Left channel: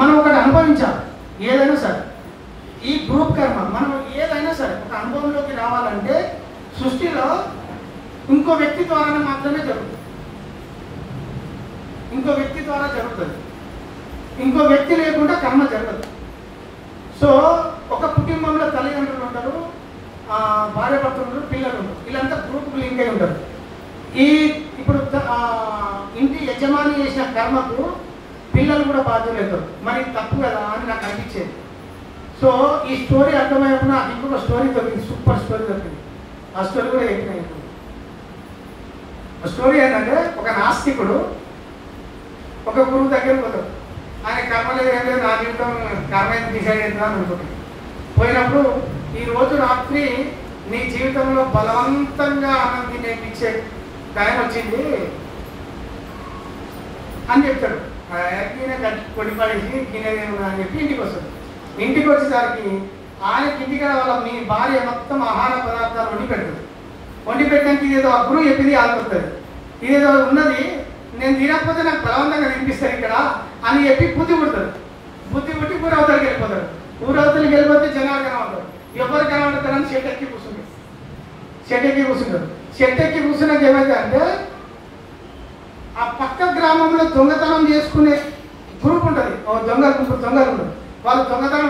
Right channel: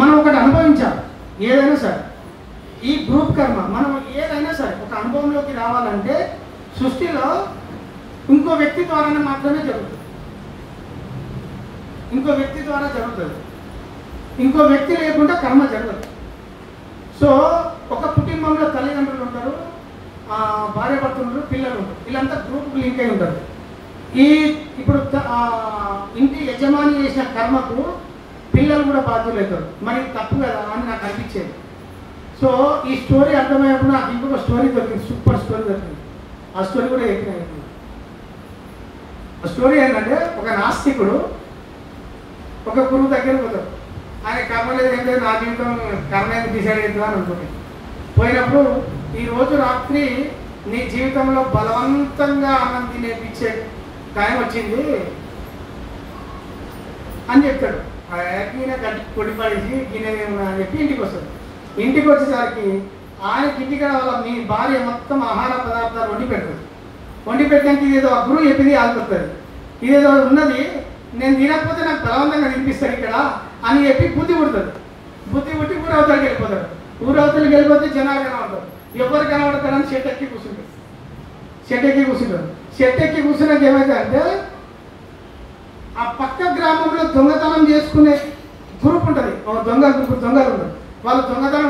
మనం ఒకటి అనుభవించాలి ఏదైనా సరే. ఈ గ్రూప్ కర్మ మనం ఏదైనా సరే ఒక అనుభవంలోకి రావాలంటే సృష్టిలో ఇంకో వ్యక్తి ద్వారానే మాత్రమే జరుగుతుంది. ఇంకో వ్యక్తి ద్వారా జరుగుతుంది. ఇంకో వ్యక్తి లేకుండా కర్మ జరగదు. సో ఒక కుటుంబంలో తల్లిదండ్రులు ఉంటారు, భార్యాభర్తలు ఉంటారు, పిల్లలు ఉంటారు. వీళ్ళంతా గ్రూప్ లింక్ అయి ఉంటారు. ఇప్పుడు ఇంటి యజమాని చేసిన కర్మకు పిల్లలు కూడా బాధ్యులు అవుతారు. మరి తప్పు కదా అని నాకు అనిపించేది. సో ఈ స్టోరీ అర్థమైనప్పుడు నాకు ఇంకొక స్టోరీ దొరికింది, సూపర్ స్టోరీ దొరికింది. ఆ స్టోరీ కూడా చెప్పిన. ఆ స్టోరీ ఏంటంటే ఒక నాస్తికుడు ఒక గురువు దగ్గరికి పోతాడు. ఆయన కర్మ లేదు ఏంటంటే నా జీవితం కర్మ ఎంత డిసైడ్ అవుతుందని అనుకుంటుంది. పోయినప్పుడు ఈరోజు రాత్రి నీ జీవితంలో బలవంతంగా అన్నం తినేపించే టైం వచ్చింది అని చెప్తాడు. ఈయన గట్టి కొడిపడేసి తినేదేమో అని చెప్పి ఇంటికి వస్తాడు. ఇంటికి వచ్చేసరికి ఆయనకి ఇంటికి వాళ్ళ మీ భార్య మొత్తం ఆహార పదార్థాలు వండి పెడుతుంది. వండి పెట్టడానికి ఇదేదో ఆ గురువు చెప్పింది ఆదుకొస్తుంది. ఇదేదో ఉన్నది నేను తినకపోతే నాకు బలవంతంగా తినిపిస్తాను ఇక్కడ అని చెప్పి బుద్ధి పుడుతుంది. బుద్ధి పుట్టి ఊరవతలకి వెళ్ళిపోతాడు. ఊరవతలకి వెళ్ళిపోతే జనాలు కనబడతారు. ఎవరు కనబడతారని చెట్టు ఎక్కి కూర్చుంటారు. చెట్టు ఎక్కి కూర్చున్నాక ఏమైతే అంటే ఆ పక్క గ్రామంలో దొంగతనం చేసుకునే గ్రూప్ ఉంటుంది. దొంగలు ఉంటుంది. వాళ్ళు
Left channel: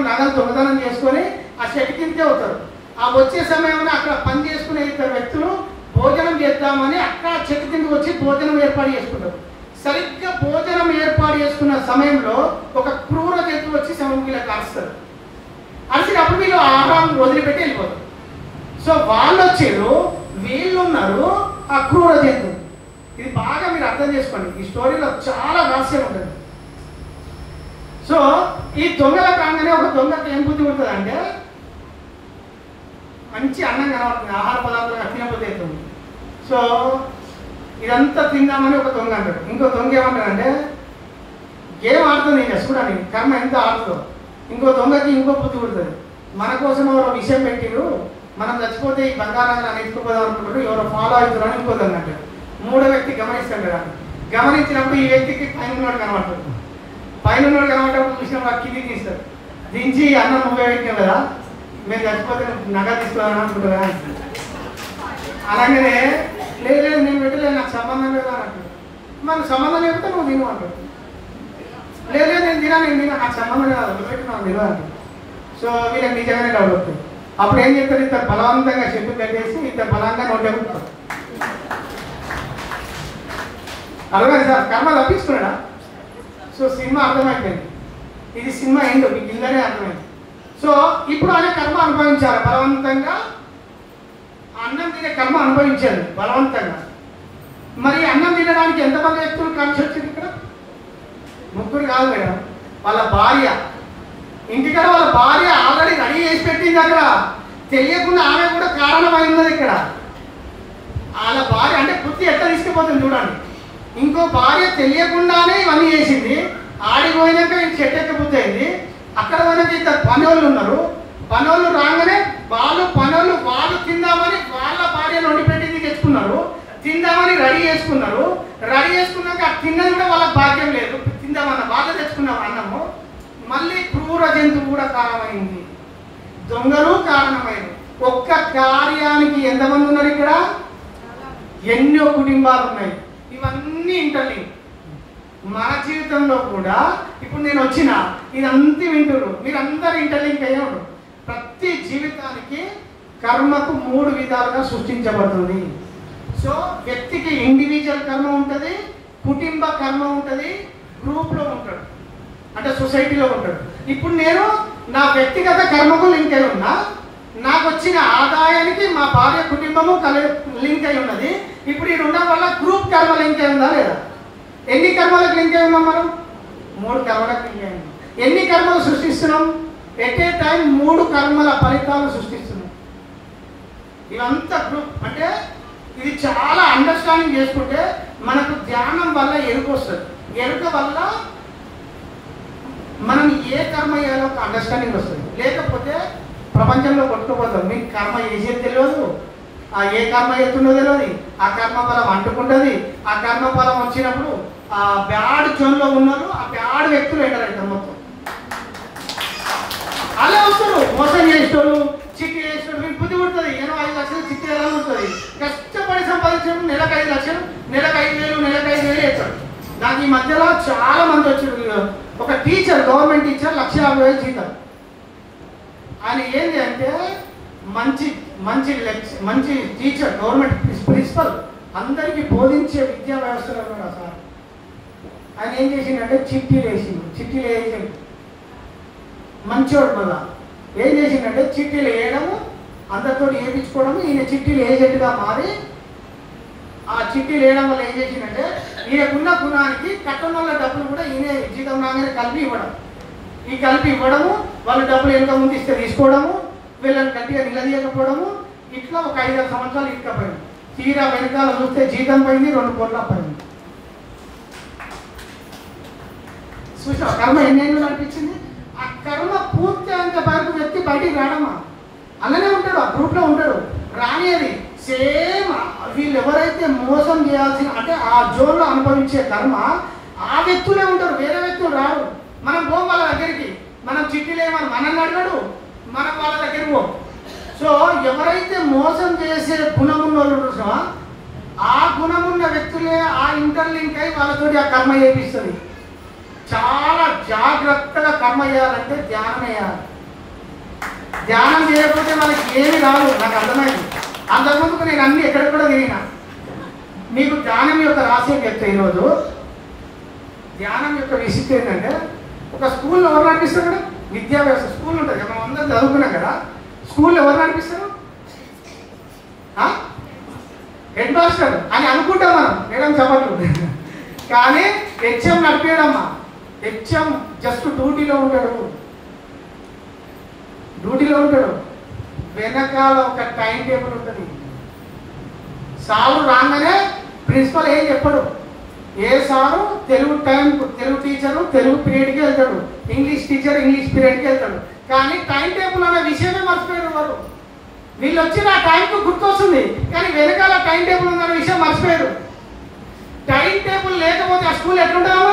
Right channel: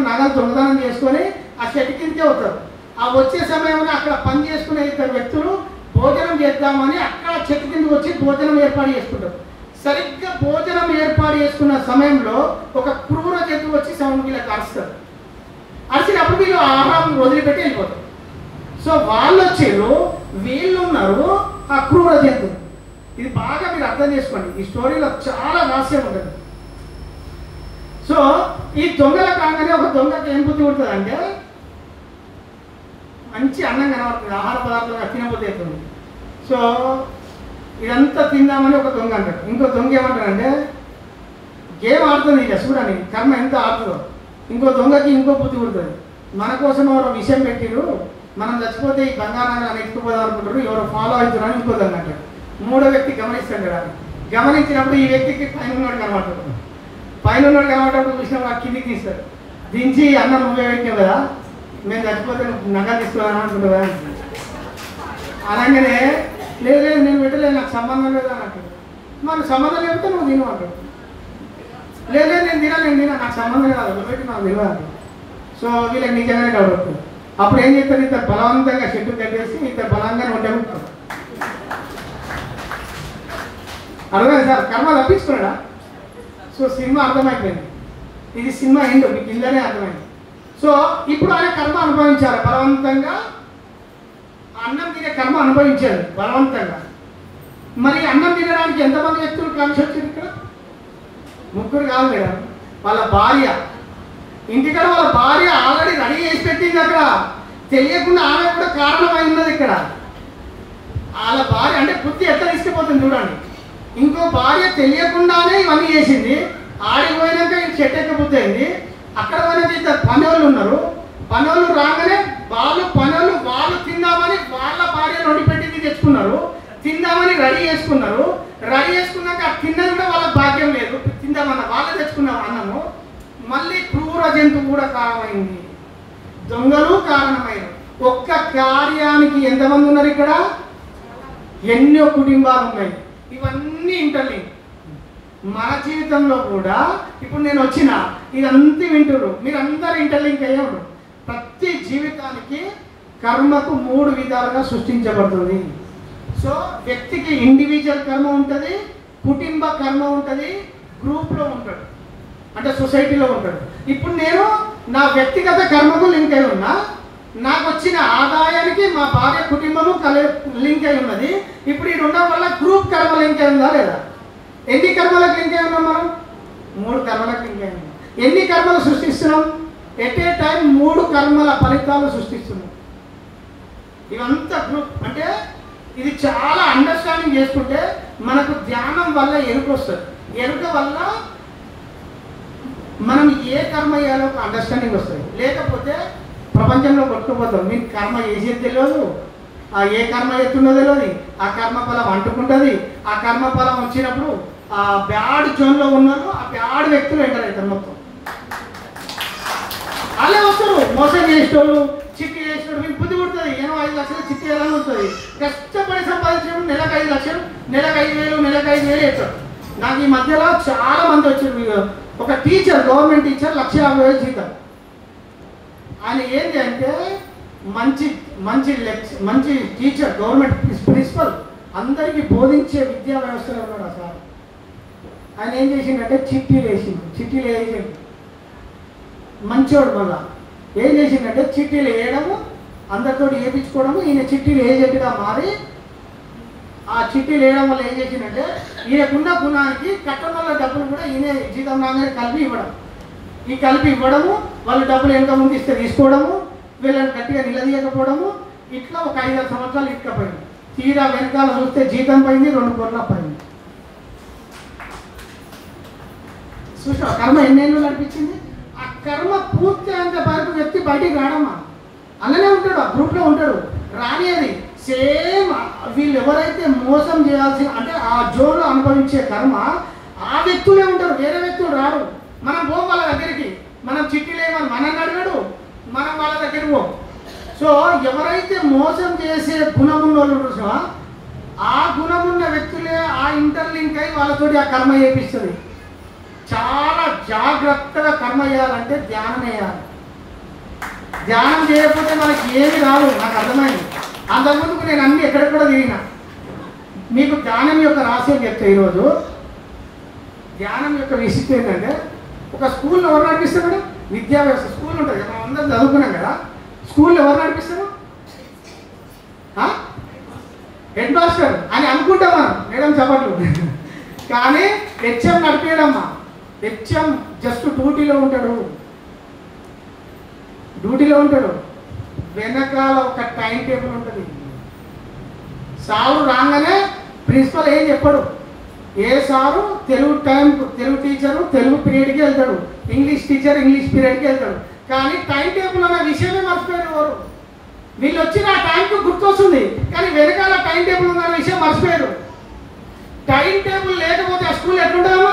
నగలు దొంగతనం చేసుకొని ఆ చెట్టు కిందకే అవుతారు. ఆ వచ్చే సమయంలో అక్కడ పని చేసుకునే ఇద్దరు వ్యక్తులు భోజనం చేద్దామని అక్కడ చెట్టు కిందకి వచ్చి భోజనం ఏర్పాటు చేసుకుంటారు. సరిగ్గా భోజనం ఏర్పాటు చేసుకున్న సమయంలో ఒక క్రూర జంతువు వచ్చి సముద్రంలో కాస్తారు. అరిచినప్పుడు వీళ్ళు ఆహారం వదిలిపెట్టి వెళ్ళిపోతారు. సో వాళ్ళు వచ్చారు, వీళ్ళు ఉన్నారు, ఆ క్రూర జంతువు. ఇది బాగా మీరు అర్థం చేసుకోండి. ఈ స్టోరీలో చాలా రహస్యం ఉంటుంది. సో ఈ దొంగల కాగానే ఒక దొంగకి ఏం బుద్ధి ఉంటుంది అంటే మంచి అన్నం కనబడుతుంది, ఆహార పదార్థాలు తినబుద్ధి అవుతుంది. సో ఇదంతా తిందామని ఒక దొంగ అంటాడు. ఇంకో దొంగ ఏమంటాడంటే గేమ్ ఆడుతుంది ఇంకా చూడండి కర్మ ఎంత ఆడుతుందో. ఇంకో దొంగకి ఇంకో బుద్ధి పుడుతుంది. మన కోసం ఎవరో విషయం పెట్టిరు, మనం చచ్చిపోతే ఈ బంగారాన్ని ఎత్తుకుపోదాం అనుకుంటారు, ఎవరో ఫాలో అవుతున్నారు ఇంకో దొంగ అంటాడు. మూడో వ్యక్తి గమనిస్తాడు కదా, గమనించినప్పుడు ఈ వ్యక్తికి పైన ఉన్నాడు కనబడతాడు. పైన ఉన్నాడు కనబడేటప్పుడు చూసినప్పుడు ఆ కిందికి తీస్తాడు. దించి అన్నం నువ్వే పెట్టాం కదా, మేము చచ్చిపోతే నగ తీసుకోవాలని అనుకుంటుందా అంటాడు. అలాగనే లేదు నేను పెట్టలేదు, నాకు సంబంధం లేదా అంటాడు. మనకు సంబంధం లేకపోతే నువ్వు తిను అంటాడు. లేదు నేను తినా నాకు సంబంధం కాదు, నువ్వు పెట్టి నాకు తెలియదు అంటాడు. సో వీళ్ళకి నిజంగానే డబ్బు. అప్పుడు ఏం చెప్తారు, ఇద్దరు బలవంతంగా చెట్టు కట్టేసి ఇద్దరు బలంగా నొట్టేస్తారు. అర్థమైంది సార్, కర్మ తప్పించుకున్నాడా? సో సినిమా అర్థమైపోయింది. ఇది సినిమా ఏంటో మీకు ఇందరే అర్థమైంది. సో ఇప్పుడు ఆయన కర్మ అనుభవించారు బలవంతంగా, అన్నం తినే కర్మ అనుభవించారు బలవంతంగా. మరి అన్నం తినడానికి ఎంతమంది వ్యక్తులు కలిసి వచ్చింది ఇక్కడ? ముగ్గురు కాదు మేడం, వాళ్ళ భార్య. ఇంటికాడ వాళ్ళ భార్య ఆల్రెడీ రెడీ చేసి పెట్టింది. అక్కడ తెలియకుండా ఆమె కూడా కారణమైంది. ఇక్కడ వాళ్ళ భార్య అంటే బుద్ధి ఎట్లా తీసుకుపోతుంది చూడండి. ఇంకో భార్య తెలియకుండానే ఇవన్నీ చేసింది. ఆడిపోయినాక ఇంక చెట్టు ఎక్క బుద్ధి అయింది. అక్కడ పోయినాక ఇద్దరు పనోళ్ళు ఉన్నారు. పనోళ్ళు రాగానే వాళ్ళు తిందామని వాళ్ళ భార్యను వండి పెట్టింది తెచ్చుకున్నారు. తిందామని రెడీ చేసుకున్నారు. రెడీ చేసుకున్నాక ఆ తిన్నది కూడా వాళ్ళకి భాగ్యం లేదు. తిందామన్న వాళ్ళు తెచ్చుకున్నారు అన్నము. మళ్ళీ క్రూర జంతువు కూడా కారణమైంది, దొంగలు కారణమైంది. ఒక్క కార్యానికి ఎంతమంది ఉన్నారు ఇక్కడ? ఎన్నో కుటుంబాలు ఉన్నాయి. ఇవన్నీ ఇంటర్లింక్. మన జీవితంలో కూడా ఇప్పుడు నేను వచ్చిన ఇదంతా వింటున్నారు, మీరందరూ ఇంటర్లింక్ అయ్యారు. ప్రతి జీవితానికి కర్మకు 3 విధాలుగా సృష్టించబడుతుంది. సో వ్యక్తికి ఇండివిజువల్ కర్మ ఉంటుంది, కుటుంబ కర్మ ఉంటుంది, గ్రూప్లో ఉంటాడు అంటే సొసైటీలో ఉంటాడు. ఇప్పుడు నేను నా వ్యక్తిగత కర్మకు లింక్ అయి ఉన్నా, నాకు వచ్చిన ఆదాయానికి మా భార్య కుటుంబము లింక్ అయి ఉన్నది. ఇప్పుడు ఈ ఉండడం వల్ల గ్రూప్ కర్మ లింక్ అయి ఉందా లేదా? ఎన్ని కర్మలకు లింక్ అయి ఉన్నాం మనం? 3 కర్మలకు లింక్ అయి ఉన్నాం. ఎన్ని కర్మలు సృష్టిస్తున్నాం? ఎట్ ఏ టైం 3 కర్మల ఫలితాలు సృష్టిస్తున్నాం. ఇవంతా గ్రూప్ అంటే ఇది చాలా అండర్స్టాండింగ్ చేసుకుంటే మనకు ధ్యానం వల్ల ఎరుక వస్తుంది. ఎరుక వల్ల మనం ఏ కర్మ చేయాలో ఒక అండర్స్టాండింగ్ వస్తుంది. లేకపోతే ప్రపంచంలో కొట్టుకుపోతాం. మీకు కర్మ చేసేది తెలియదు, ఆ ఏ కర్మ ఎత్తుండో తెలియదు, ఆ కర్మ ఫలం అంటుకుంటుంది. ఆ కర్మ ఫలం వచ్చినప్పుడు ఆ బ్యాడ్ జోన్లో ఉన్నారు, ఆ బ్యాడ్ వ్యక్తులు ఎంటర్ అవుతారు మొత్తం. చిట్టి వేసినప్పుడు మీకు బుద్ధి పుడుతుంది. ఏమో 5 లక్షలు చిట్టి ఎలా ఉంటుంది, కష్టపడి సంపాదించడం నెలకు 5 లక్షలు, నెలకు 5,000, నెలకు 5,000 వేస్తాడు. నాకు ఈ మధ్యలో చాలా మంది వచ్చారు. ఒక టీచర్, గవర్నమెంట్ టీచర్ 1,50,000 జీతం. ఆయన ఏంటి అంటే మంచి మంచి మంచి టీచర్, గవర్నమెంట్ ప్రిన్సిపల్, అందరికీ బోధించే విద్యా వ్యవస్థలో కూడా సార్. ఆయన ఏం చేసిండంటే చిట్టీలు వేసిండు. మంచివాడు మళ్ళా ఏం చేసిండంటే చిట్టీలు వేయడము, అందరితో వేయించుకోవడము. ఈయన చిట్టీలు ఏజెంట్గా మారి ఆ చిట్టీలు వేయడం వల్ల ఏం చేసిందంటే ఈయనకున్న గుణానికి కట్టడంలో డబ్బులు కూడా ఈయన జీతం రాగానే కలిపి ఇవ్వడము, వాళ్ళు డబ్బులు ఎంత ముందు ఇస్తే తీసుకోవడము, వీళ్ళని గట్టిగా నిలదీయకపోవడము. ఇట్లా ఒక 5-6 సంవత్సరాలు ఇక్కపోయింది. తీరా వెనకాల చూస్తే జీతం పోయింది, 2 కోట్ల పోయింది. చూసా కర్మ ఎన్నేళ్ళు నడిపించింది. ఆ కర్మ పూర్తి అంత వరకు వ్యక్తి బయటికి రాడమ్మా, అలానే ఉంటాడు, ఆ గ్రూప్లో ఉంటాడు. రానిది సేమ్ వీళ్ళు ఎవరైతే మోసం చేయాల్సిన అంటే ఆ జోన్లో అనుభవించే కర్మ ఆ వ్యక్తులే ఉంటారు, వేరే వ్యక్తులు రారు. మనం పోం వాళ్ళ దగ్గరికి, మనం చిట్టీలేమని మనల్ని అడగడు, మనం వాళ్ళ దగ్గరికి పోం. సో ఎవరైతే మోసం చేసే గుణమున్న వాళ్ళు ఆ గుణమున్న వ్యక్తులే ఆ ఇంటర్లింక్ అయి వాళ్ళతోటి ఆ కర్మ చేపిస్తుంది. చాలా జాగ్రత్తగా కర్మ చేయాలంటే ధ్యానం చేయాలి. ధ్యానం చేయకపోతే మనకి ఏమి రాదు. నాకు అర్థమైంది. అంతకుముందుకు నేను అన్ని ఎక్కడెక్కడ తిరిగినా. మీకు ధ్యానం యొక్క రహస్యం చెప్తే ఈరోజు ధ్యానం యొక్క విశిష్టత ఏంటంటే, ఒక స్కూల్లో ఎవరు నడిపిస్తారు కదా, విద్యా వ్యవస్థ స్కూల్ ఉంటుంది, మనం అందరం చదువుకున్నాం కదా. స్కూల్లో ఎవరు నడిపిస్తారు? హెడ్ మాస్టర్ అని అనుకుంటాం మనం, మేడం చెప్పట్లు. కానీ హెచ్ఎం నడిపేయడమ్మా. హెచ్ఎం జస్ట్ డ్యూటీలో ఉంటాడు. వెనకాల ఒక టైం టేబుల్ ఉంటుంది. సారు రాగానే ప్రిన్సిపల్ ఏం చెప్పడు. ఏ సారు తెలుగు టీచరు తెలుగు పీరియడ్కి వెళ్తాడు, ఇంగ్లీష్ టీచర్ ఇంగ్లీష్ పీరియడ్కి వెళ్తాడు. కానీ టైం టేబుల్ అనే విషయమే మర్చిపోయారు వారు. వీళ్ళు వచ్చిన ఆ టైంకు గుర్తొస్తుంది, కానీ వెనకాల టైం టేబుల్ ఉన్న విషయం మర్చిపోయారు. టైం టేబుల్ లేకపోతే ఆ స్కూల్ ఎట్లుంటామో,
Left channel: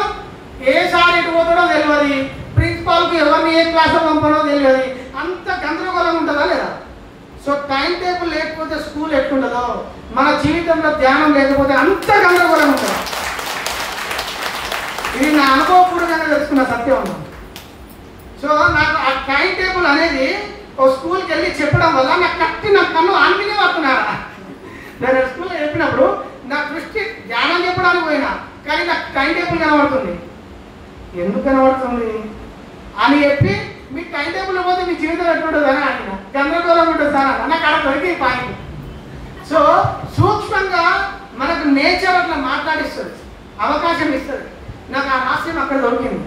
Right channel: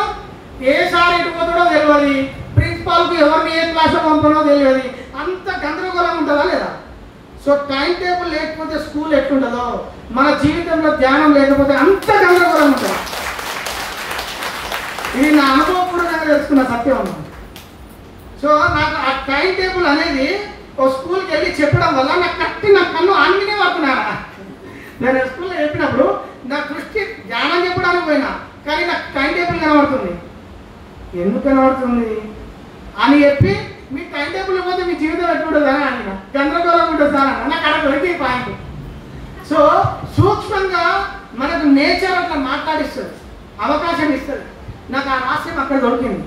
ఏ సార్ ఎటు పోతాడో తెలియదు, ప్రిన్సిపాల్కి ఎవరిని ఏ క్లాస్లో పంపడో తెలియదు. అంత గందరగోళంగా ఉంటుందా లేదా? సో టైం టేబుల్ లేకపోతే స్కూల్ ఎట్లుంటుందో, మన జీవితంలో ధ్యానం లేకపోతే అంత గందరగోళంగా ఉంటుంది. ఇది నా అనుభవపూర్వకంగా తెలుసుకున్న సత్యం. సో నాకు ఆ టైం టేబుల్ అనేది ఓ స్కూల్కి వెళ్ళి చెప్పడం వల్ల నా కన్ను ఆన్మీనే పడుతున్నారా. నేను స్కూల్లో చెప్పినప్పుడు నా దృష్టి ధ్యానం చెప్పడానికి పోయినా, కానీ నాకు టైం టేబుల్ కనబడుతుంది. ఎందుకు కనబడుతుంది అని చెప్పి, మీ టైం టేబుల్ పోతే మీ జీవితం ఎట్లుంటుంది అని అంటున్నా, గందరగోళం ఉంటుంది సార్ నాకు అక్కడ దొరికి పాయింట్. సో సూక్ష్మంగా మనకు నేచర్ అట్లా మాట్లాడిస్తుంది, అవకాశం ఇస్తుంది. నాకు ఆ రహస్యం అక్కడ దొరికింది.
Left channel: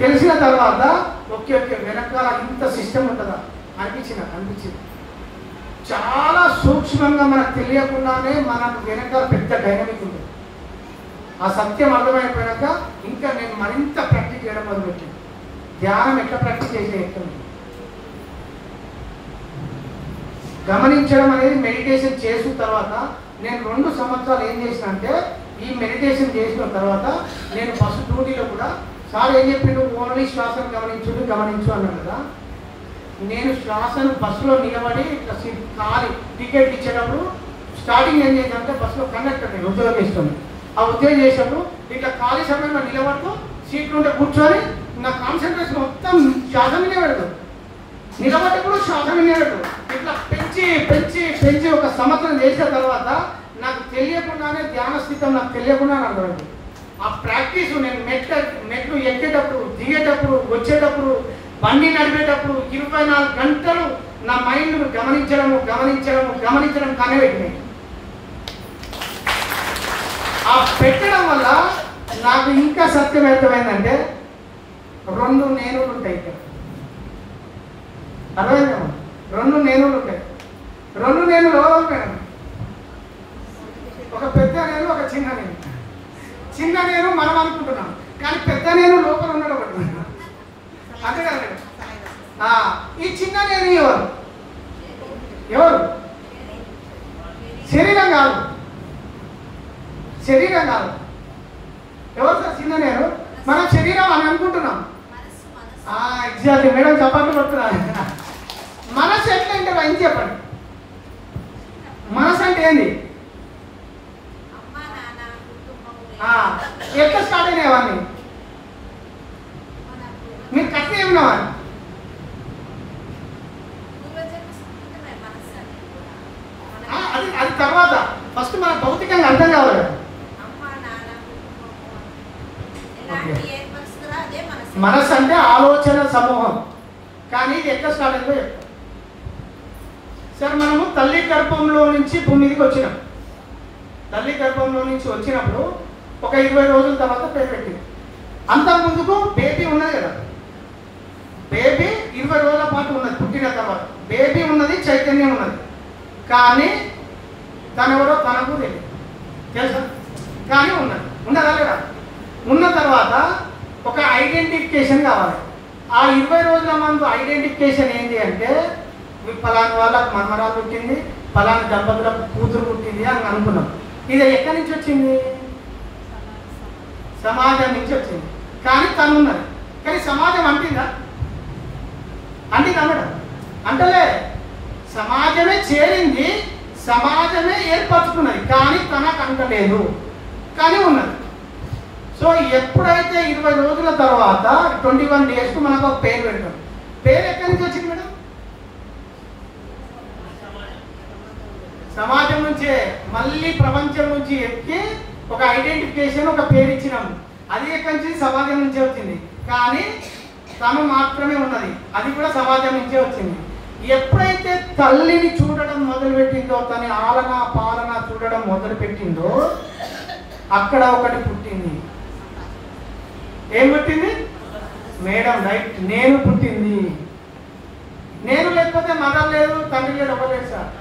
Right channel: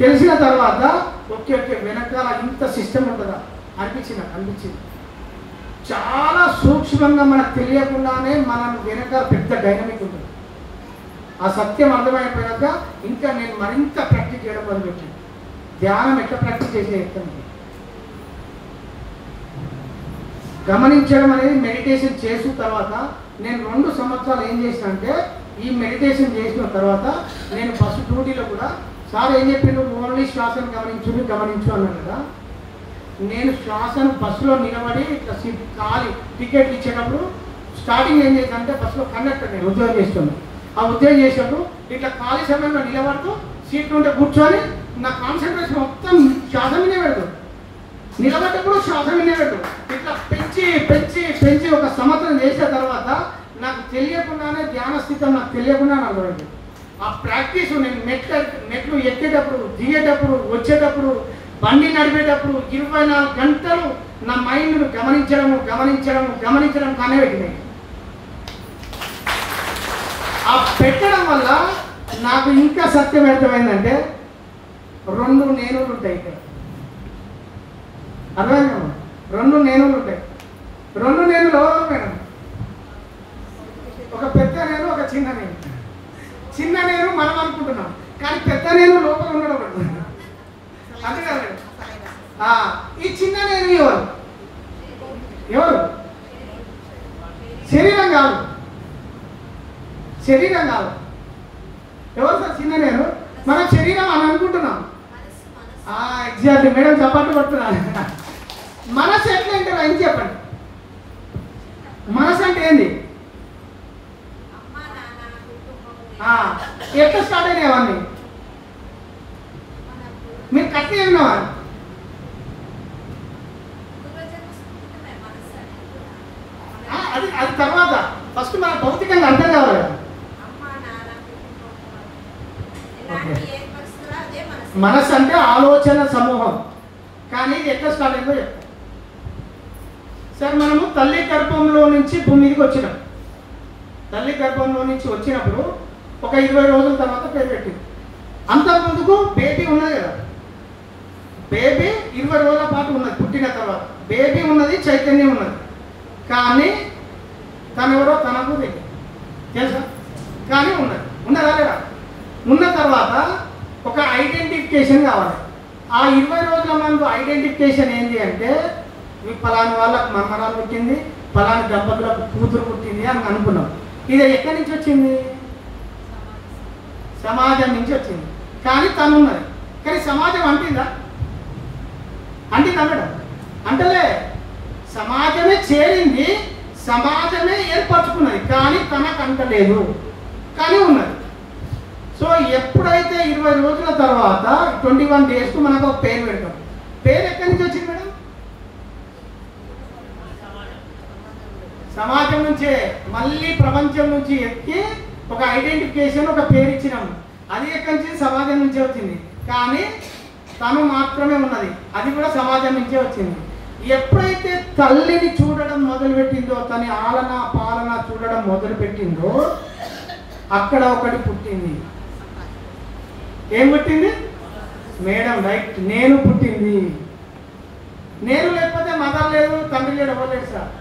తెలిసిన తర్వాత ఓకే వెనకాల ఇంత సిస్టమ్ ఉంటుందా అనిపించింది. చాలా సూక్ష్మంగా మనకు తెలియకుండానే మనకు వెనకాల పెద్ద డైనమిక్ ఉంటుంది. ఆ సత్యం అర్థమైపోయాక ఇంకా నేను మరింత ప్రాక్టీస్ చేయడం మొదలుపెట్టాను. ధ్యానం ఎట్లా ప్రాక్టీస్ చేసే ఎక్కండి. గమనించడం అనేది మెడిటేషన్ చేసిన తర్వాత నేను 2 సంవత్సరాలు ఏం చేసిన అంటే, ఈ మెడిటేషన్ చేసిన తర్వాత నేను ఫస్ట్ డ్యూటీలో కూడా సార్ ఏం చెప్పిండు, ఓన్లీ శ్వాసను గమనించు అన్నాను కదా. నేను శ్వాసను బస్సులో నిలబడి ఇట్లా ఖాళీ టికెట్ ఇచ్చేటప్పుడు స్టార్టింగ్ ఏం చేశానంటే, బస్సులో కండక్టర్ నేను ఉద్యోగం చేస్తున్నాను. ఆ ఉద్యోగం చేసినప్పుడు ఇట్లా ఖాళీ సమయంలో నిలబడుతూ సీట్లు ఉంటే కూర్చొని నా కాన్సన్ట్రేషన్ మొత్తం శ్వాస మీదే పెడతాడు. నిలబడ్డప్పుడు శ్వాస మీదే పెడతాడు. ఇట్లా పెంచి ఒక సంవత్సరం చేసిన తర్వాత నాకు తెలియకుండానే ధ్యాన స్థితం నాకు తెలియకుండా నాకు ఆ ప్రాక్టీస్ నేను మెట్లు ఎక్కేటప్పుడు, దిగేటప్పుడు, వచ్చేటప్పుడు, బండి నడిపేటప్పుడు 24 గంటలు నా మైండ్ను గమనించడం కానీ పెట్టినాయి. ఆ పెట్టడం వల్ల నాకు ఇంకా సత్యం అర్థమైందంటే, 2 నేనులు ఉంటాయి ఇక్కడ. అర్థమైందమ్మా? 2 నేనులు ఉంటాయి. 2 నేనులు మేడం, ఒక పెద్ద నేను, ఒక చిన్న నేను. చిన్న నేను మనం అనుకుంటున్నాం, కానీ పెద్ద నేను లోపల ఉండడం పడుతున్నాను. అంతే కదా మేడం? ఈ చిన్న నేను ఎవరు? శరీరం కాదు. ఎవరు సార్ చిన్న నేను? మనం శరీరం అని అనుకుంటున్నాం. ఎగ్జాక్ట్లీ మేడం, చప్పట్లు కొడుతున్నారు. మనసు ఎట్లంటే లైన్ చెప్పండి. మనసు అంటే ఏంది? ఎట్లా స్టార్ట్ అయినాయి అవన్నీ? మీరు కట్టి ఏమన్నా అది అది తర్వాత ఫస్ట్ మన భౌతికంగా అర్థం కావాలి. మనసు అంటే ఆలోచన సమూహం. కానీ ఇది ఎట్లా స్టార్ట్ అయిందో చెప్తాం. సార్ మనము తల్లి గర్భంలో నుంచి భూమి మీదకి వచ్చినాం. తల్లి గర్భంలో నుంచి వచ్చినప్పుడు ఒక 20 రోజుల తర్వాత పేరు పెట్టింది. అంత ముందుకు బేబీ ఉన్నది కదా, బేబీ 20 రోజుల పాటు ఉన్నది. పుట్టిన తర్వాత బేబీ ఉన్నది, చైతన్యం ఉన్నది. కానీ తనెవరో తనకు తెలియదు, తెలుసా? కానీ ఉన్నదా లేదా? ఉన్న తర్వాత ఒక ఐడెంటిఫికేషన్ కావాలి. ఆ 20 రోజుల ముందు ఐడెంటిఫికేషన్ ఏంటి అంటే పలానా వాళ్ళకి మనమరాలు పుట్టింది, పలానా దంపతులకు కూతురు పుట్టింది అని అనుకున్నాం. ఇది ఎక్కడి నుంచి వచ్చింది? సమాజం నుంచి వచ్చింది. కానీ తను ఉన్నది. కానీ సమాజం అంటిందా? మేడం అంటలే. సమాజమే చేరింది, సమాజమే ఏర్పరచుకున్నది, కానీ తనకు అంటలేదు, కానీ ఉన్నది. సో ఎప్పుడైతే 20 రోజుల తర్వాత 21 డేస్కు మనకు ఒక పేరు పెడతాం. పేరు ఎక్కడి నుంచి వచ్చింది మేడం? సమాజం నుంచే. మళ్ళీ ప్రపంచం నుంచి ఎక్కి ఒక ఐడెంటిఫికేషన్, ఒక పేరు ఇచ్చినాము. అది ఎక్కడి నుంచి? సమాజం నుంచే వచ్చింది. కానీ తను మాత్రమే ఉన్నది, అది కూడా సమాజం నుంచే వచ్చింది. ఎప్పుడైతే తల్లిని చూడడం మొదలుపెట్టిందో, తన ఆలన పాలన చూడడం మొదలుపెట్టిందో, అక్కడ ఒకటి పుట్టింది. ఏం పుట్టింది మేడం? రైట్, నేను పుట్టింది. నేను లేకపోతే మదర్ లేదు, తండ్రి లేడు, ఇవ్వలేదు సార్.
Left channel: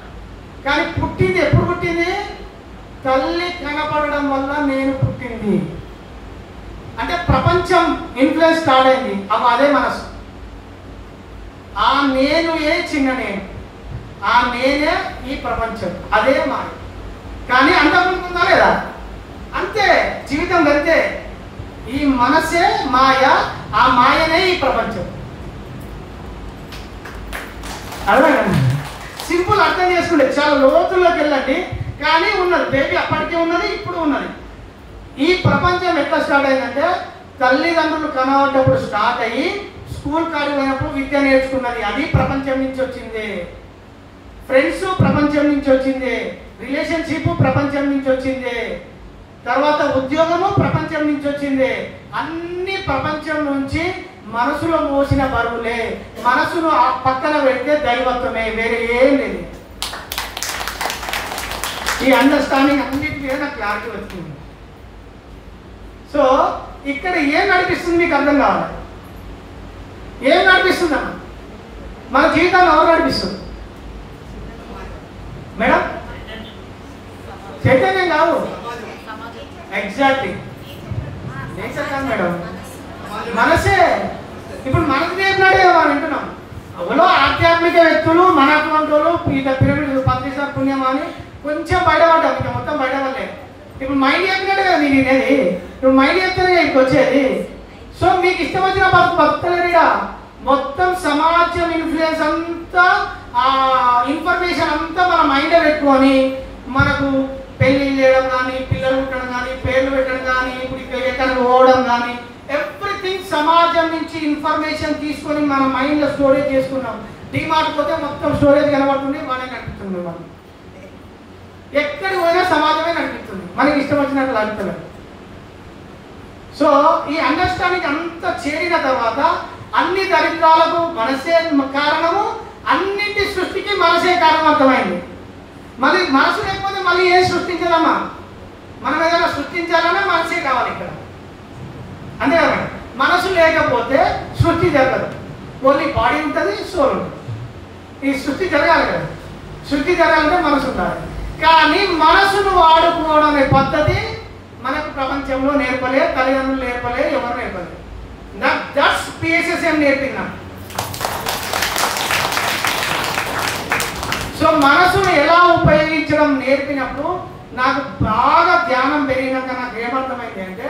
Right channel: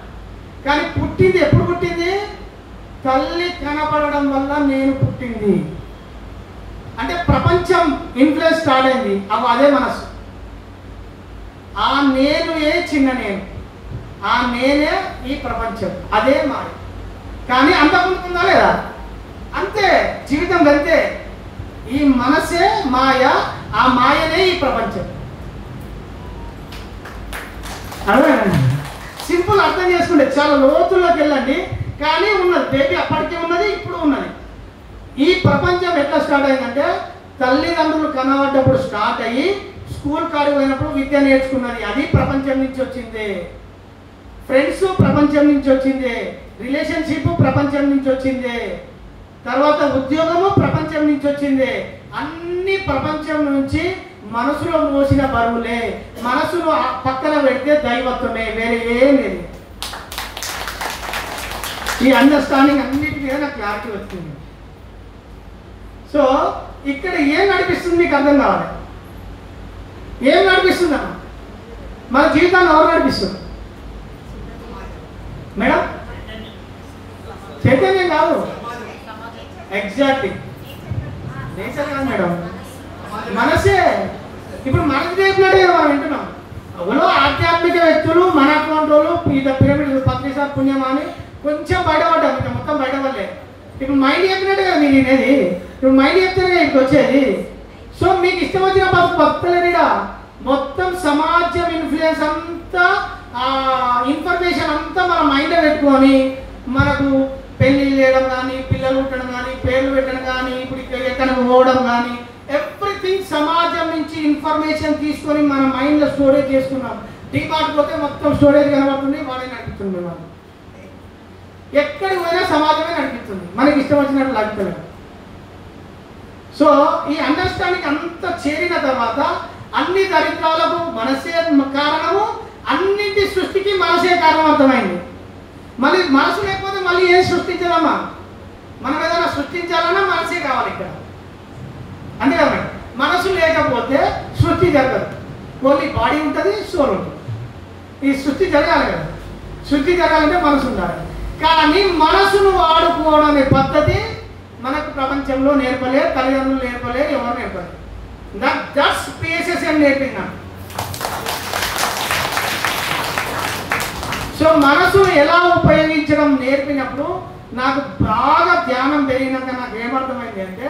కానీ పుట్టింది ఎప్పుడు పుట్టింది? తల్లి కనపడడం వల్ల నేను పుట్టింది. అంటే ప్రపంచం ఇన్ఫ్లుయెన్స్ స్టార్ట్ అయింది. అదే మనసు. ఆ నేను చిన్న నేను, ఆ నేనే ఈ ప్రపంచం, అదే మాయ. కానీ అంతకుముందు ఉందా లేదా? అంతే, జీవితం అంతే. ఈ మనసే మాయ, ఆ మాయనే ఈ ప్రపంచం. అర్థమైంది? సింపుల్ అర్థం చేసుకుంటే చాలా లోతుల్లోకి వెళ్ళండి. కానీ ఉన్నది బేబీ, అప్పటికే ఉన్నది, ఇప్పుడు ఉన్నది. ఈ ప్రపంచం ఎట్లా స్టార్ట్ అయిందంటే తల్లిదండ్రులు కనబడ్డప్పుడు స్టార్ట్ అయ్యి స్కూల్ కాడికి పోయినప్పుడు విద్య నేర్చుకున్నది, అది ప్రపంచం నుంచి వచ్చింది. ఫ్రెండ్స్ ప్రపంచం నుంచి వచ్చింది, రిలేషన్షిప్ ప్రపంచం నుంచి వచ్చింది, తర్వాత ఉద్యోగము ప్రపంచం నుంచి వచ్చింది. అన్ని ప్రపంచం నుంచి. మనసులో మోసిన బరువులే. మనసును పక్కన పెడితే దైవత్వమే, వేరే ఏం లేదు. ఈ అండర్స్టాండింగ్ అన్నిటి మీద నాకు క్లారిటీ వచ్చింది. సో ఇక్కడ ఏం నడిపిస్తుంది మీకు అర్థం కావాలి. ఏం నడిపిస్తుందా? మన జీవితాన్ని ఎవరు నడిపిస్తుంది మేడం? చైతన్యం కాదు, ఎగ్జాక్ట్లీ నేచర్ కాదు మేడం, మనసే. ఇప్పుడు మనకు చెప్పినట్టే మనం వింటున్నాం. అవులో ఆధ్యాత్మిక వ్యక్తులు, మన అటువంటి పిరమిడ్ పత్రిసార్ పుణ్యం అని కొంచెం బయటపడ్డాం, ఇంకా మొత్తం బయటపడలేదు. ఇప్పుడు మైండ్ చెప్పినట్టు కదా మీరు వినేది. ఇప్పుడు మైండ్ చెప్తేనే ఇక్కడికి వచ్చేది. సో మీకు ఇష్టం వచ్చిన భక్తులేదా? మొత్తం సమాజం ఇన్ఫ్లుయెన్స్ అంతా, ఇన్ఫర్మేషన్ అంతా మన మైండ్ పెట్టుకొని మనకు పెళ్లి చేయడం కానీ, పిల్లలు పుట్టడం కానీ, పేర్లు పెట్టడం కానీ, ఇప్పుడు ఎక్కడికి పోవడం కానీ, ఎవ్రీథింగ్ సమాజం నుంచి ఇన్ఫర్మేషన్ తీసుకొని మన మైండ్లో స్టోరేజ్ చేసుకున్నాం. డిమార్ట్ పోతే మొత్తం స్టోరేజ్ కనబడుతుంది, వాడే నడిపిస్తుంది. మనం ఎక్కడికి పోయినా సమాజమే నడిపిస్తుంది, మనకి ఇష్టం వచ్చినట్టు నడుపుతున్నారు. సో ఈ అండర్స్టాండింగ్ అంతా చేరిన తర్వాత అన్ని దరిద్రాలకు మనసే కారణము, అన్నింటి సృష్టికి మనసే కారణం అర్థమైంది. మళ్ళీ మనసు లేకపోతే మళ్ళీ ఏం సృష్టించదమ్మా? మనం ఏదైనా సృష్టించాలన్నా మనసే కావాలి ఇక్కడ, అంతే కదా. మనసు లేకపోతే సృష్టి జరగదు. ఓన్లీ బాడీ ఉంటుంది, సోల్ ఉంటుంది. ఈ సృష్టి జరగాలి కదా. సృష్టి జరగాలంటే మనసు ఉండాలి. కానీ మనసును వాడుకోవడం అనే పద్ధతి మనకు ప్రపంచంలో నేర్పలే, తల్లిదండ్రులు నేర్పలే, ఎవరు నేర్పలే. దట్స్ పిఎస్ఎస్ అని నేర్పిందా. సో మనసును ఎలా ఉపయోగించడం నేర్పినప్పుడు నాకు బాగా ధ్యానం పెరిగినాక నాకు ఏమర్థమైంది అంటే,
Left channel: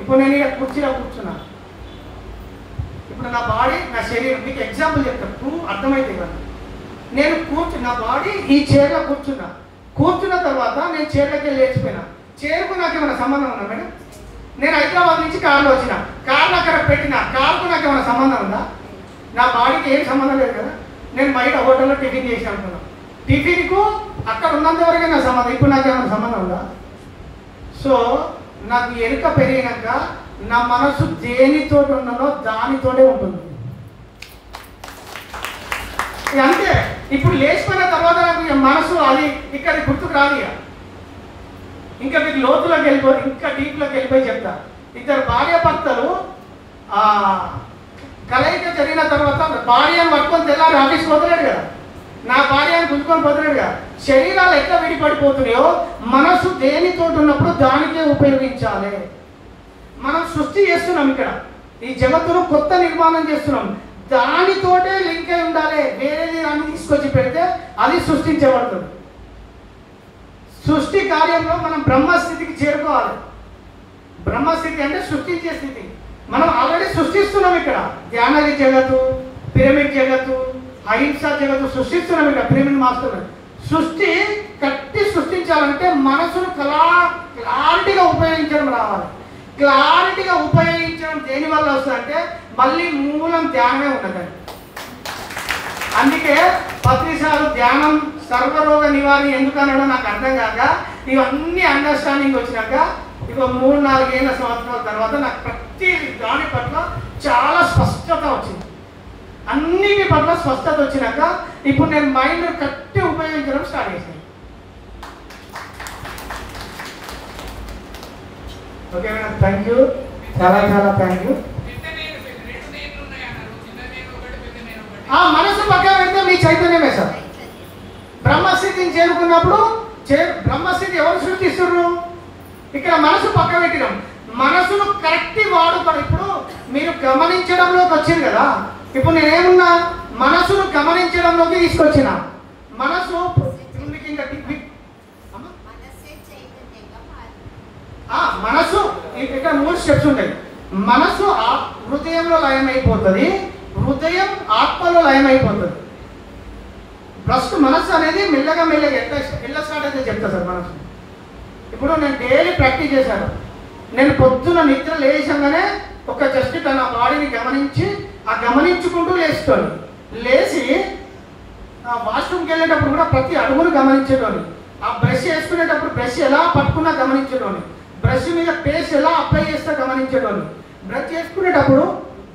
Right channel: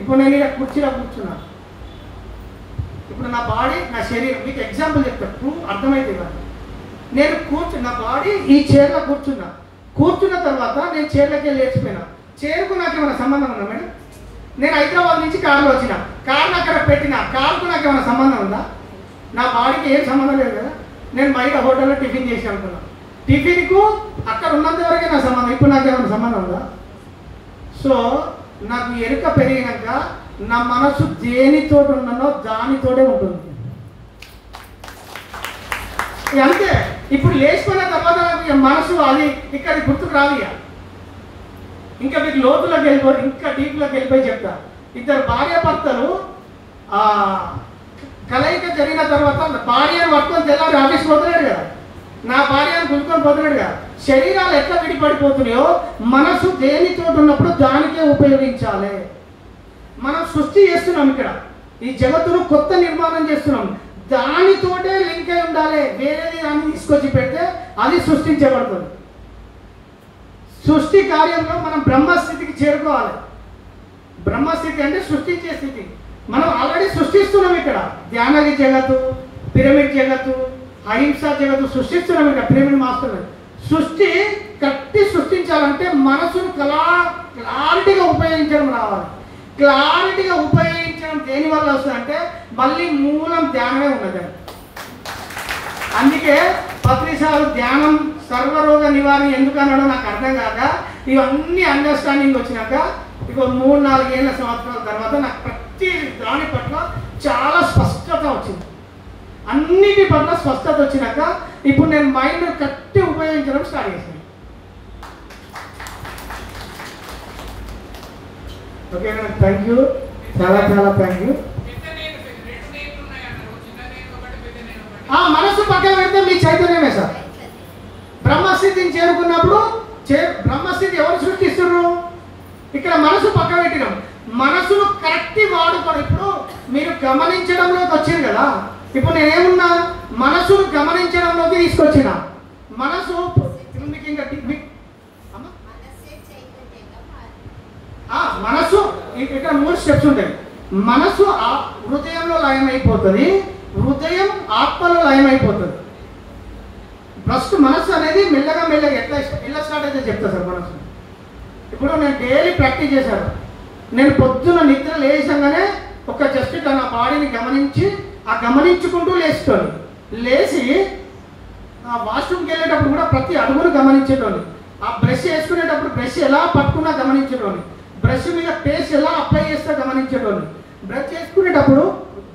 ఇప్పుడు నేను ఇక కుర్చీలో కూర్చున్నా, ఇప్పుడు నా బాడీ, నా శరీరం, మీకు ఎగ్జాంపుల్ చెప్తాను, అర్థమైంది కదా. నేను కూర్చున్న బాడీ ఈ చైర్లో కూర్చున్నా, కూర్చున్న తర్వాత నేను చైర్లోకి వెళ్ళి లేచిపోయినా. చైర్కు నాకు ఏమైనా సంబంధం ఉందా మేడం? నేను హైదరాబాద్ నుంచి కార్లో వచ్చిన, కార్లు అక్కడ పెట్టిన, కార్కు నాకు ఏమైనా సంబంధం ఉందా? నా బాడీకి ఏం సంబంధం లేదు కదా. నేను బయట హోటల్లో టిఫిన్ చేసి అనుకున్నా, టిఫిన్కు అక్కడ ఉన్నంత వరకే నా సంబంధం, ఇప్పుడు నాకు ఏమైనా సంబంధం ఉందా? సో నాకు ఎరుక పెరిగినాక నా మనసు దేనితో ఉన్నానో దానితోనే ఉంటుంది. అంతే. ఇప్పుడు లేచిపోయిన తర్వాత నాకు మనసు అది ఇక్కడ గుర్తుకు రాదు. ఇంకా మీకు లోతులోకి వెళ్ళిపోయి ఇంకా డీప్లోకి వెళ్ళిపోయి చెప్తా. ఇద్దరు భార్య భర్తలు కలయిక జరిగిన తర్వాత భార్యను పట్టుకొని తెల్లారి ఆఫీస్ పోతున్నాడు కదా, నా భార్యను గుంజుకొని పోతున్నాడు కదా. శరీరాలు ఎట్లా విడిపడిపోతున్నాయో మనసు దేనితో ఉన్నప్పుడు దానికే ఉపయోగించాలి. మనం సృష్టి చేస్తున్నాం, ఇక్కడ ఈ జగత్తును కొత్త నిర్మాణం చేస్తున్నాం, దానితోటే లింక్ అయి ఉండాలి. వేరేది దాన్ని తీసుకొచ్చి పెడితే అది సృష్టించబడుతుంది. సృష్టి కార్యంలో మనం బ్రహ్మస్థితికి చేరుకోవాలి. బ్రహ్మస్థితి అంటే సృష్టించే స్థితి. మనం ఆల్రెడీ సృష్టిస్తున్నాం. ఇక్కడ ధ్యాన జగత్తు, పిరమిడ్ జగత్తు, అహింస జగత్తు సృష్టిస్తున్నాం. ఇక్కడ పిరమిడ్ మాస్టర్ సృష్టి కట్టి సృష్టించాలంటే మనసును క్లారిటీగా ఉపయోగించడం రావాలి. క్లారిటీగా ఉపయోగించడం దేనివల్ల వస్తుందంటే మళ్ళీ మూలం ధ్యానమే ఉన్నదండి. అందుకే పత్రిసార్లు ధ్యానం సర్వరోగ నివారణ ఎందుకు అన్నాడో నాకు అర్థం కాక ఇవన్నీ అండర్స్టాండింగ్ వచ్చినాక ఇక 3-4 ఏళ్ళ సంవత్సరాల తర్వాత నాకు ప్రతి దాని పట్ల చాలా స్పష్టత వచ్చింది. అన్నిటి పట్ల స్పష్టత వచ్చినాక ఇప్పుడు నేను మైండ్ కట్టి ఉపయోగించడం స్టార్ట్ చేశాను. ఓకే మేడం, థ్యాంక్ యూ, చాలా చాలా థ్యాంక్ యూ. మనసు పక్కన పెడితే మీ చైతన్యమే సార్. బ్రహ్మస్థితిని చేరుకున్నప్పుడు బ్రహ్మస్థితి ఎవరు సృష్టిస్తున్నారు? ఇక్కడ మనసు పక్కన పెట్టినాం. మనసును కరెక్ట్ వాడుకోవడం. ఇప్పుడు మీరు గమనించడంలోకి వచ్చింది కదా, ఇప్పుడు నేనేమున్నా మనసును గమనించడంలోకి తీసుకొచ్చిన మనసు మీకు ఇంకా మనసు ఇక్కడ 3 స్టెప్స్ ఉంటాయి. మనసు హృదయంలో లయం అయిపోతుంది, హృదయం ఆత్మలో లయం అయిపోతుంది. ఫస్ట్ మనసు అనేది మెల్లగా ఎట్లా స్టార్ట్ అయితే చెప్తా సార్. మనసు ఇప్పుడు నేను డైలీ ప్రాక్టీస్ చేశాను. నేను పొద్దున నిద్ర లేచగానే ఒక జస్ట్ నా బాడీని గమనించి గమనించుకుంటూ లేస్తాను. లేచి వాష్రూమ్కి వెళ్ళేటప్పుడు కూడా ప్రతి అడుగును గమనించేటోని, ఆ బ్రష్ వేసుకునేటప్పుడు బ్రష్ ఎలా పట్టుకున్నా గమనించేటోని, బ్రష్ మీద పేస్ట్ ఎలా అప్లై చేస్తా గమనించేటోని, బ్రష్ చేసుకునేటప్పుడు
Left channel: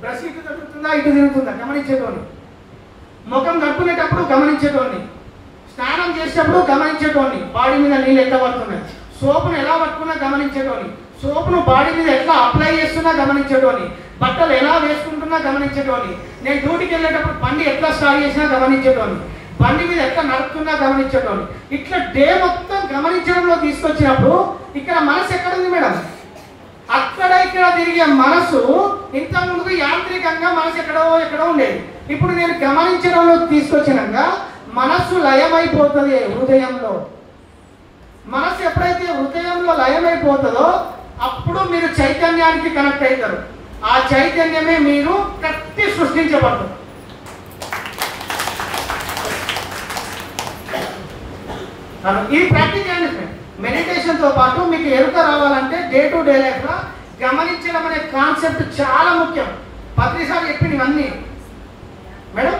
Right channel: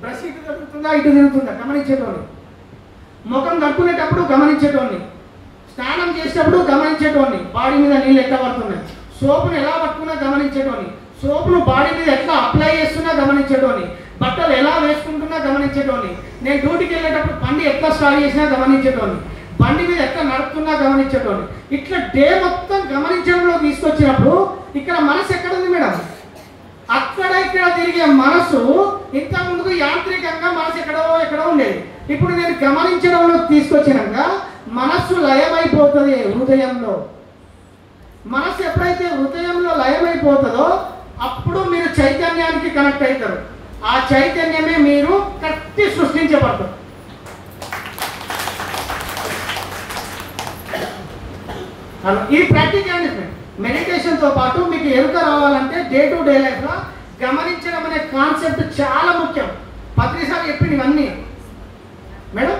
బ్రష్ ఇటు తిరుగుతుందా ఇటు తిరుగుతుందా గమనించేటోని, ముఖం కట్టుకునేటప్పుడు గమనించేటోని, స్నానం చేసేటప్పుడు గమనించేటోని, బాడీ మీద నీళ్ళు ఎట్లా పడుతున్నాయి, సోపును ఎలా పట్టుకున్నా గమనించేటోని, సోపును బాడీ మీద ఎట్లా అప్లై చేస్తున్నా గమనించేటోని, బట్టలు ఎలా వేసుకుంటున్నా గమనించేటోని, నేను డ్యూటీకి వెళ్ళేటప్పుడు బండి ఎట్లా స్టార్ట్ చేసినా గమనించేటోని, బండి మీద ఎట్లా నడుపుతున్నా గమనించేటోని. ఇట్లా డే మొత్తం గమనించడంలో తీసుకొచ్చినప్పుడు ఇక్కడ మనసు ఎక్కడ ఉంది మేడం? అక్కడ ఇక్కడ తిరిగే మనసు ఇంతకుముందు యాంత్రికంగా మనసు ఎక్కడో ఉండేది. ఇప్పుడు నేను గమనించడంలో తీసుకొచ్చినాక మనస్సు లయమైపోతుంది హృదయంలో. మనసు ఎప్పుడైతే హృదయంలో లయమైపోతుందో అప్పుడు మీరు చైతన్యానికి కనెక్ట్ అవుతారు. ఆ చైతన్యమే మీరు కట్టి సృష్టించబడతారు. ఇది ప్రాక్టీస్ చేయండి. మెడిటేషన్తో పాటు మీకు ఎరుక రావాలంటే డే టు డే లైఫ్లో గమనించడం అనే కాన్సెప్ట్ చాలా ముఖ్యం. పత్రిసారి చెప్పినవన్నీ మేడం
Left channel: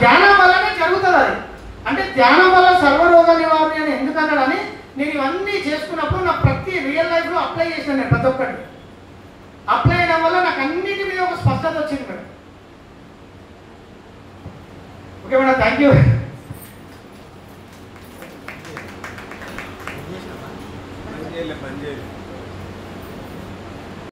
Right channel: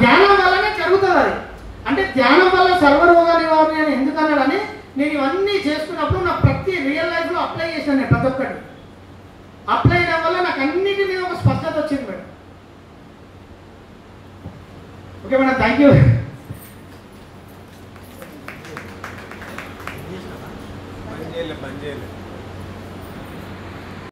ధ్యానం వల్లనే జరుగుతుంది. అది అంటే ధ్యానం వల్ల సర్వరోగ నివారణ అని ఎందుకన్నాడని నేను ఇవన్నీ చేసుకున్నప్పుడు నా ప్రతి రియల్ లైఫ్లో అప్లై చేశాను. నేను ప్రతి ఒక్కటి అప్లై చేయడం వల్ల నాకు అన్నిటి మీద ఒక స్పష్టత వచ్చింది madam. Okay madam, thank you.